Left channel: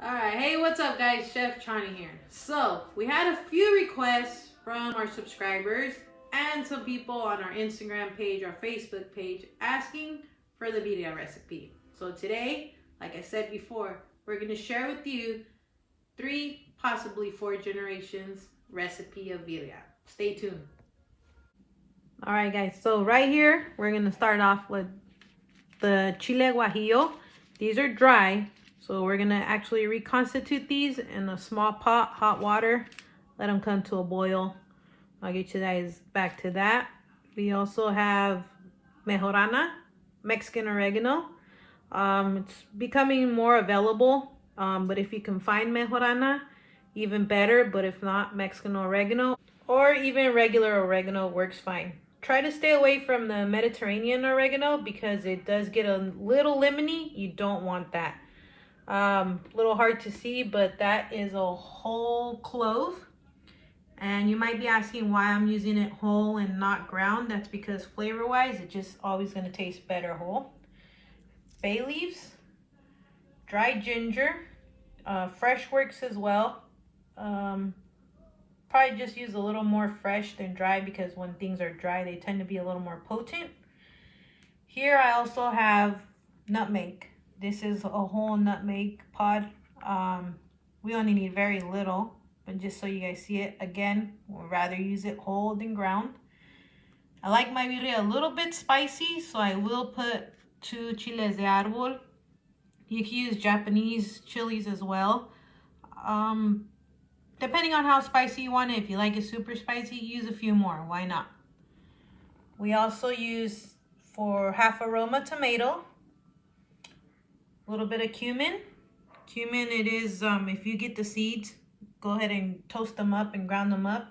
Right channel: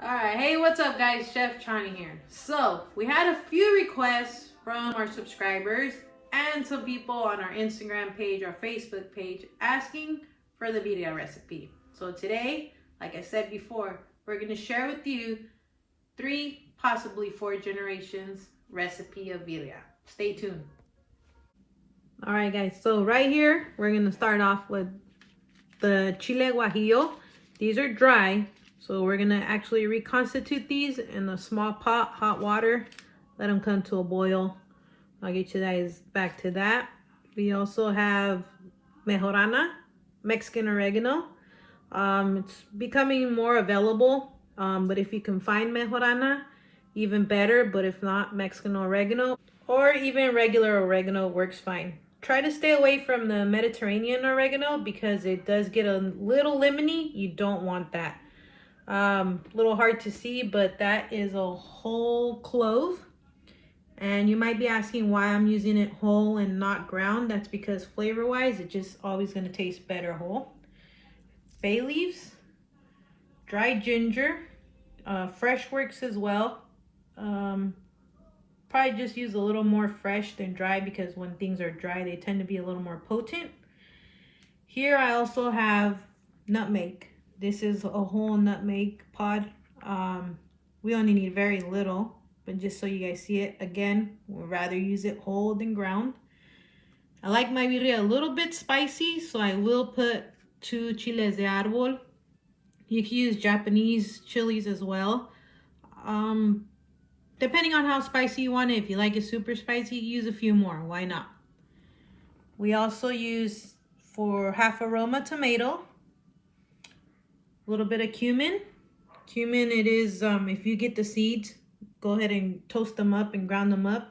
Alright, hey, what's up guys? Chef Chani here. So, we had a few requests from our subscribers and some people on our Instagram page, our Facebook page, asking for the birria recipe. So today, like I said before, we're going to share with you 3, possibly 4 generations recipe of birria. Stay tuned. Alright guys, so right here, we're going to start off with the chile guajillo. These are dry. So we're going to actually reconstitute these in a small pot, hot water. Let them come to a boil. I'll get you guys back to that. We also have mejorana, Mexican oregano. It's becoming more available, but if you can find mejorana, even better. But if not, Mexican oregano or even regular oregano works fine. Try to stay away from the Mediterranean oregano because it does get a little lemony. You don't want that. Little hard to see, but that is a whole clove. And you might be asking why I'm using it whole and not ground. That's because flavor wise, it's just always going to taste better whole. Bay leaves, dry ginger, fresh works as well. Probably just use a little more fresh than dry because when things are dry, they tend to be a little more potent. Here I also have nutmeg. This is a whole nutmeg pod. We only need very little, but just so you guys see it, again, we'd rather use it whole than ground. I like my birria a little bit spicy, so I will put 2 chiles de árbol. You can use Japanese chilies as well. Depending on how spicy you want it, if you like it super spicy, use a few more, why not? We also use, for half a Roma tomato, a little bit of cumin. Cumin, it is, if you get the seeds, go ahead and toast them up and ground them up.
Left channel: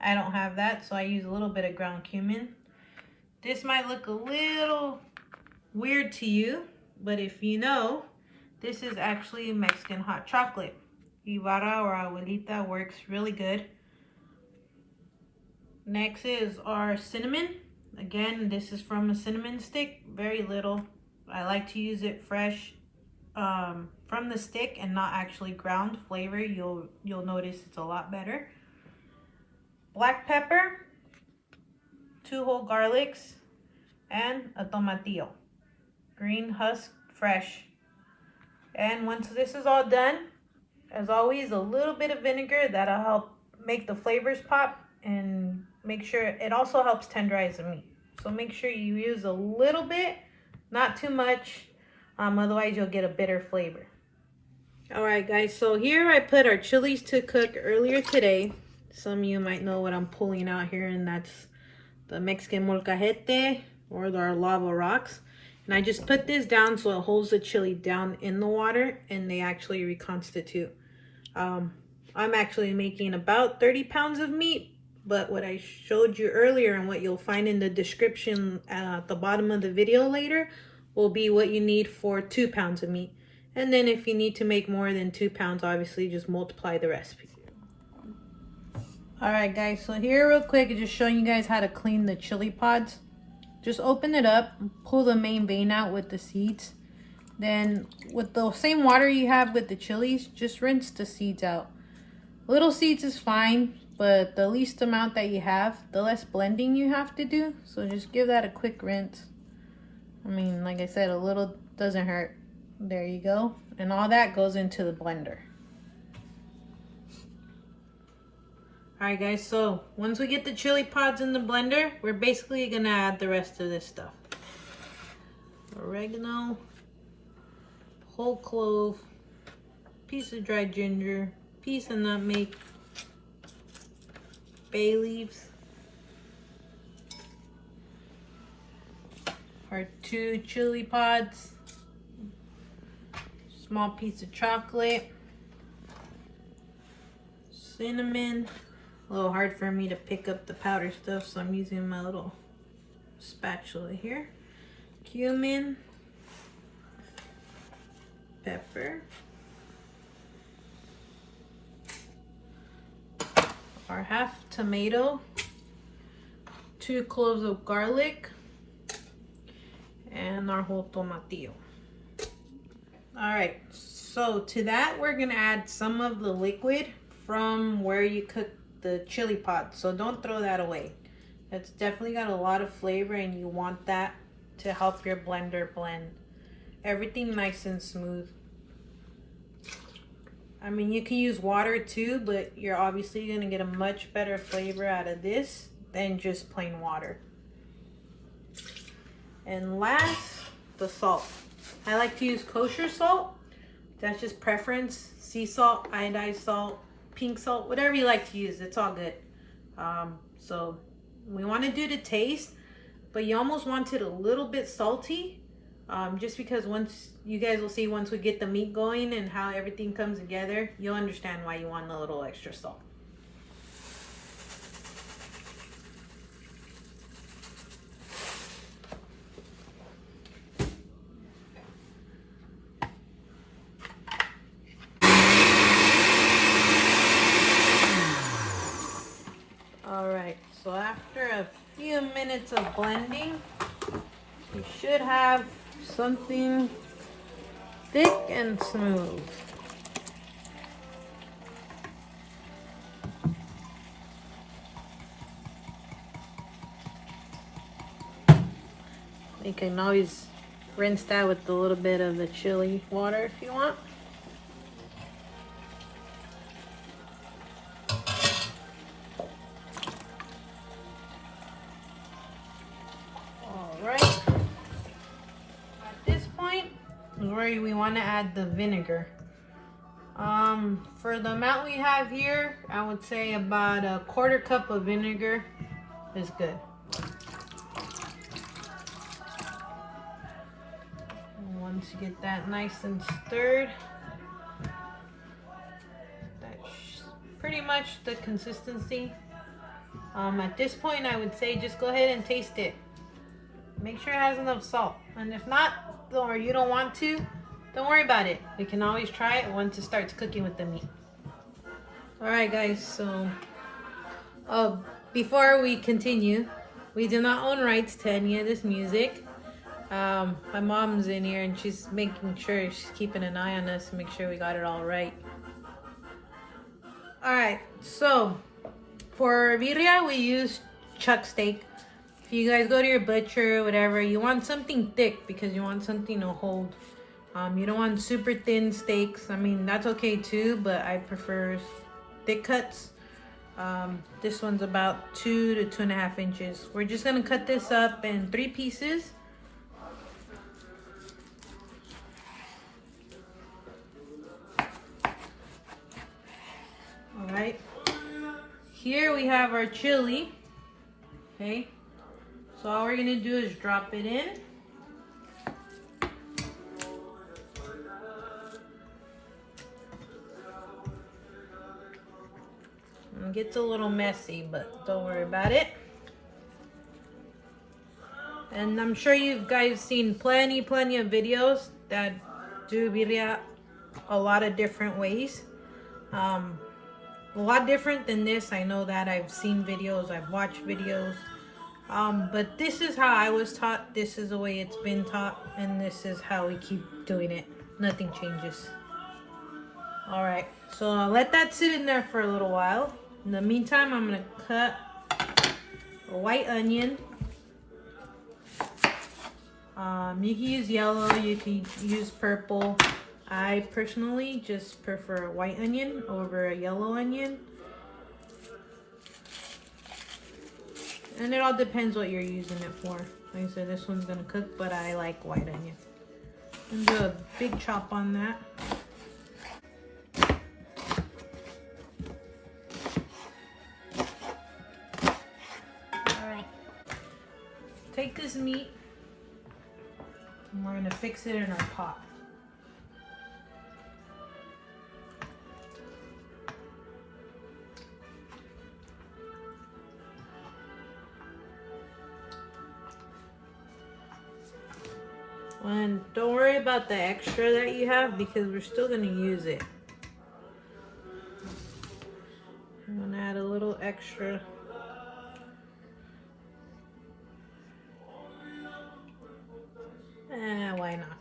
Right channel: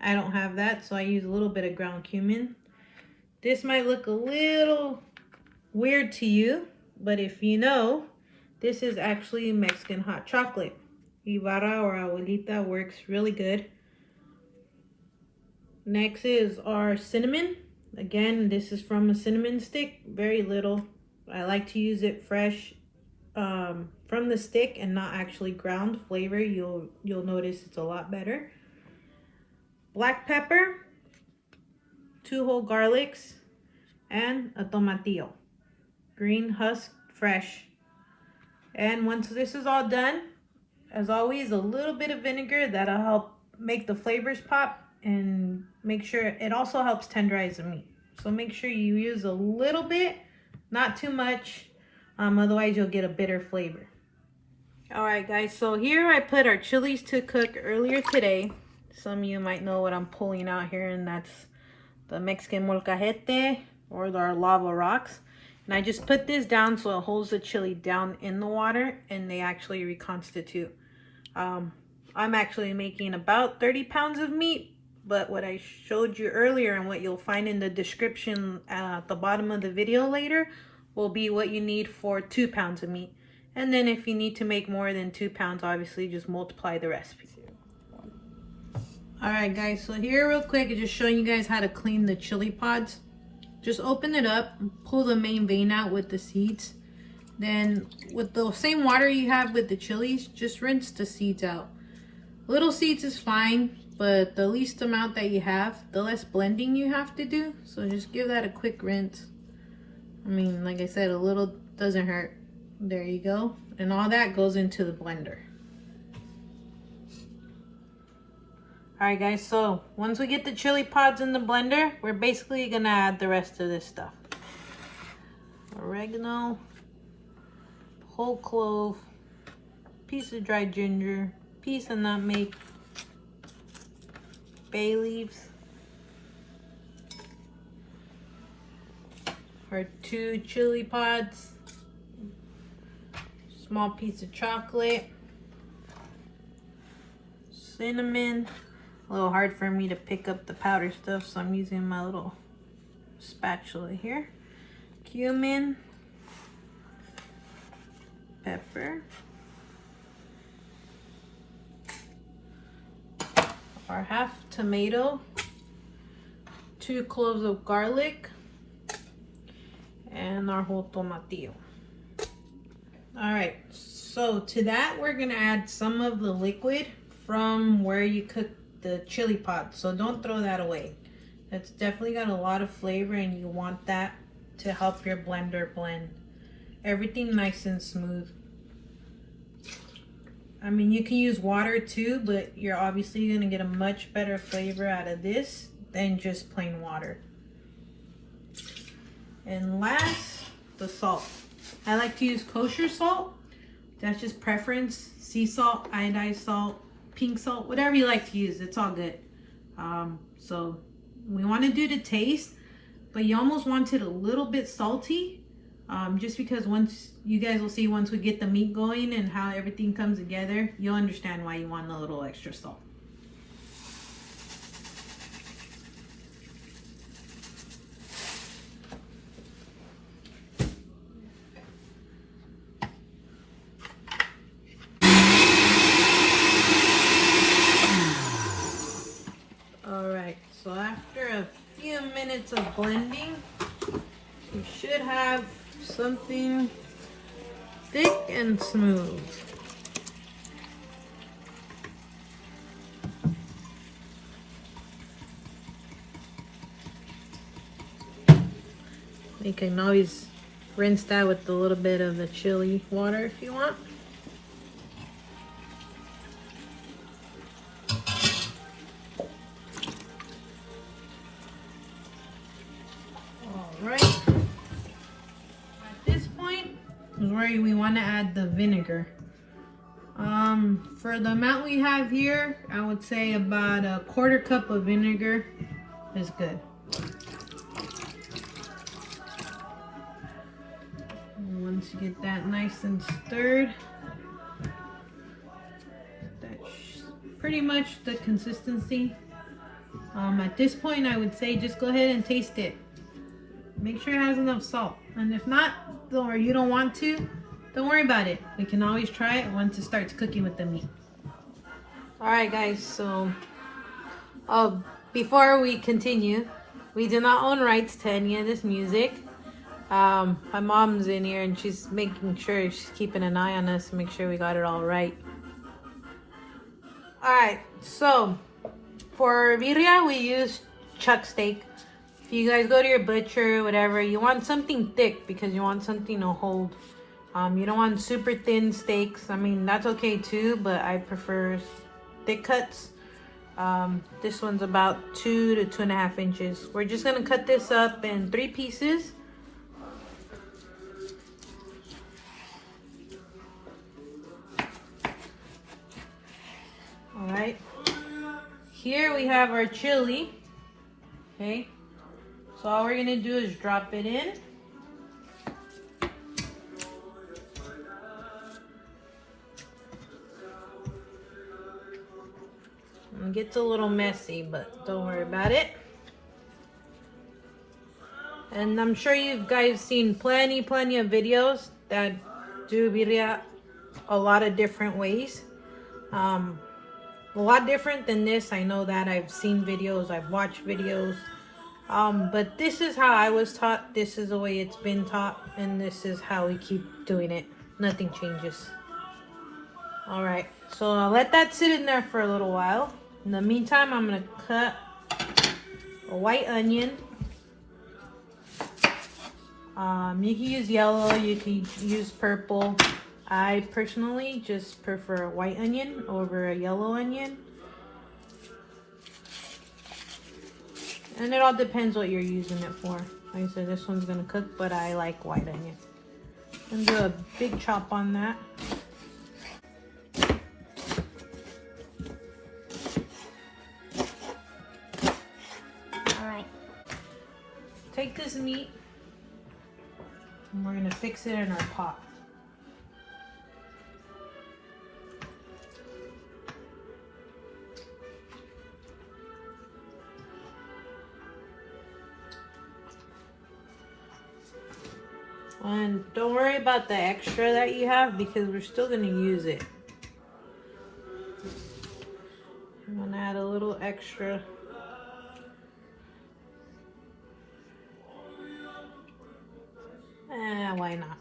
I don't have that, so I use a little bit of ground cumin. This might look a little weird to you, but if you know, this is actually Mexican hot chocolate. Ibarra or abuelita works really good. Next is our cinnamon. Again, this is from a cinnamon stick, very little. I like to use it fresh from the stick and not actually ground flavor. You'll notice it's a lot better. Black pepper, 2 whole garlics, and a tomatillo, green husk, fresh. And once this is all done, as always, a little bit of vinegar. That'll help make the flavors pop and make sure it also helps tenderize the meat. So make sure you use a little bit, not too much, otherwise you'll get a bitter flavor. Alright guys, so here I put our chilies to cook earlier today. Some of you might know what I'm pulling out here, and that's the Mexican molcajete or our lava rocks. And I just put this down so it holds the chili down in the water and they actually reconstitute. I'm actually making about 30 pounds of meat, but what I showed you earlier and what you'll find in the description at the bottom of the video later will be what you need for 2 pounds of meat. And then if you need to make more than 2 pounds, obviously just multiply the recipe. Alright guys, so here real quick, just showing you guys how to clean the chili pods. Just open it up, pull the main vein out with the seeds. Then with the same water you have with the chilies, just rinse the seeds out. Little seeds is fine, but the least amount that you have, the less blending you have to do. So just give that a quick rinse. I mean, like I said, a little doesn't hurt. There you go. And all that goes into the blender. Alright guys, so once we get the chili pods in the blender, we're basically gonna add the rest of this stuff. Oregano, whole clove, piece of dry ginger, piece of nutmeg, bay leaves, our 2 chili pods, small piece of chocolate, cinnamon. A little hard for me to pick up the powder stuff, so I'm using my little spatula here. Cumin, pepper, our half tomato, 2 cloves of garlic, and our whole tomatillo. All right, So to that, we're gonna add some of the liquid from where you cook the chili pot. So don't throw that away. That's definitely got a lot of flavor and you want that to help your blender blend everything nice and smooth. I mean, you can use water too, but you're obviously gonna get a much better flavor out of this than just plain water. And last, the salt. I like to use kosher salt. That's just preference. Sea salt, iodized salt, pink salt, whatever you like to use, it's all good. So we want to do the taste, but you almost want it a little bit salty, just because once you guys will see, once we get the meat going and how everything comes together, you'll understand why you want a little extra salt. So after a few minutes of blending, you should have something thick and smooth. You can always rinse that with a little bit of the chili water if you want. Right. At this point is where we want to add the vinegar. For the amount we have here, I would say about a 1/4 cup of vinegar is good. And once you get that nice and stirred, that's pretty much the consistency. At this point, I would say just go ahead and taste it. Make sure it has enough salt, and if not, or you don't want to, don't worry about it. We can always try it once it starts cooking with the meat. All right, guys, so before we continue, we do not own rights to any of this music. My mom's in here and she's making sure, she's keeping an eye on us to make sure we got it all right. All right, so for birria, we use chuck steak. If you guys go to your butcher or whatever, you want something thick because you want something to hold. You don't want super thin steaks. I mean, that's okay too, but I prefer thick cuts. This one's about 2 to 2.5 inches. We're just gonna cut this up in 3 pieces. All right. Here we have our chili. Okay. So all we're gonna do is drop it in. It gets a little messy, but don't worry about it. And I'm sure you guys seen plenty of videos that do birria a lot of different ways. A lot different than this. I know that I've seen videos, I've watched videos. But this is how I was taught. This is the way it's been taught, and this is how we keep doing it. Nothing changes. All right, so I'll let that sit in there for a little while. In the meantime, I'm gonna cut a white onion. You can use yellow, you can use purple. I personally just prefer a white onion over a yellow onion. And it all depends what you're using it for. Like I said, this one's gonna cook, but I like white onion. I'm gonna do a big chop on that. All right. Take this meat, and we're gonna fix it in our pot. And don't worry about the extra that you have because we're still going to use it. I'm going to add a little extra. Why not?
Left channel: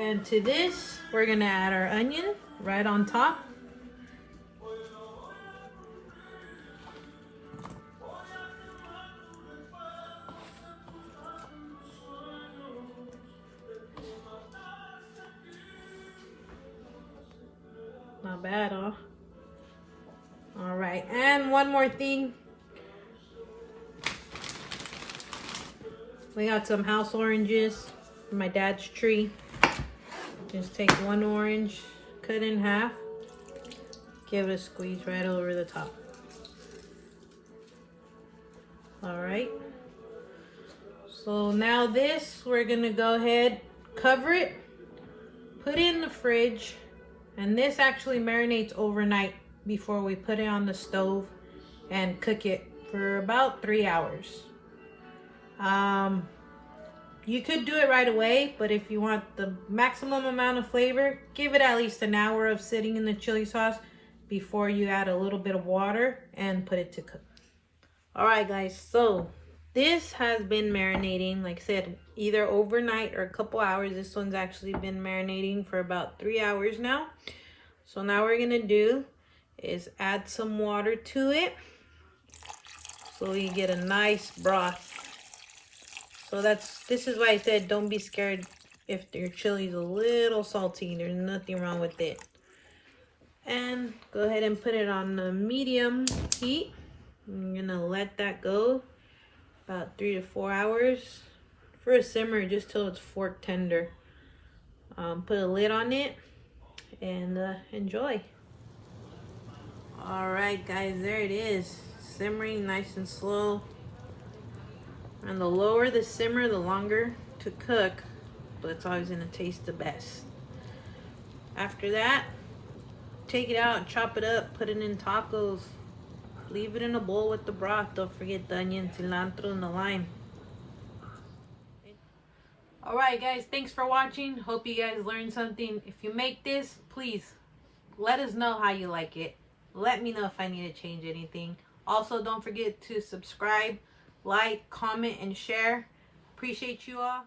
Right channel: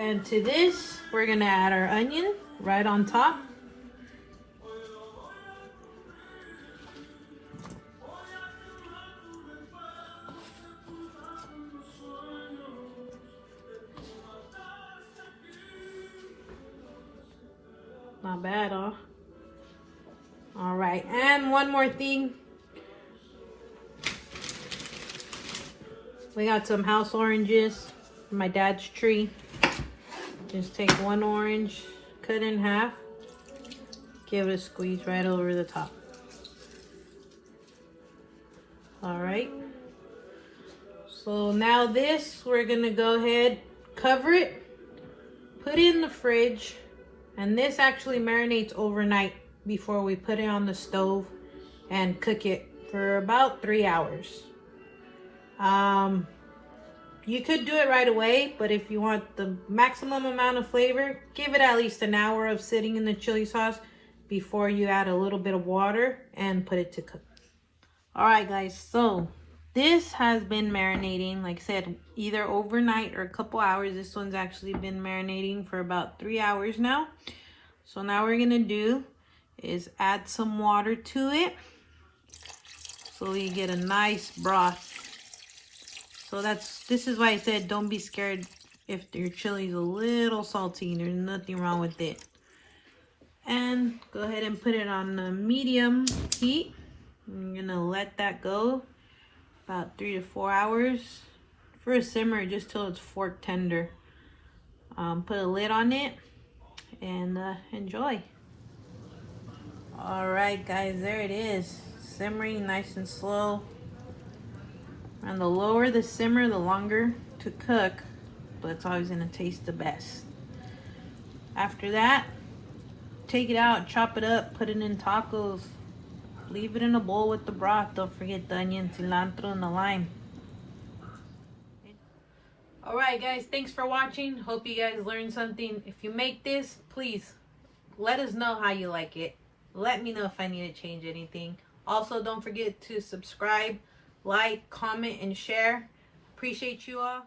And to this, we're gonna add our onion right on top. Not bad, huh? All right, and one more thing. We got some house oranges from my dad's tree. Just take one orange, cut in half, give it a squeeze right over the top. All right. So now this, we're gonna go ahead, cover it, put it in the fridge, and this actually marinates overnight before we put it on the stove and cook it for about 3 hours. You could do it right away, but if you want the maximum amount of flavor, give it at least an hour of sitting in the chili sauce before you add a little bit of water and put it to cook. All right, guys, so this has been marinating, like I said, either overnight or a couple hours. This one's actually been marinating for about 3 hours now. So now what we're gonna do is add some water to it so you get a nice broth. So this is why I said don't be scared if your chili's a little salty. There's nothing wrong with it. And go ahead and put it on the medium heat. I'm gonna let that go about 3 to 4 hours for a simmer, just till it's fork tender. Put a lid on it and enjoy. All right, guys, there it is, simmering nice and slow. And the lower the simmer, the longer to cook, but it's always gonna taste the best. After that, take it out, chop it up, put it in tacos. Leave it in a bowl with the broth. Don't forget the onion, cilantro, and the lime. All right, guys, thanks for watching. Hope you guys learned something. If you make this, please let us know how you like it. Let me know if I need to change anything. Also, don't forget to subscribe, like, comment, and share. Appreciate you all.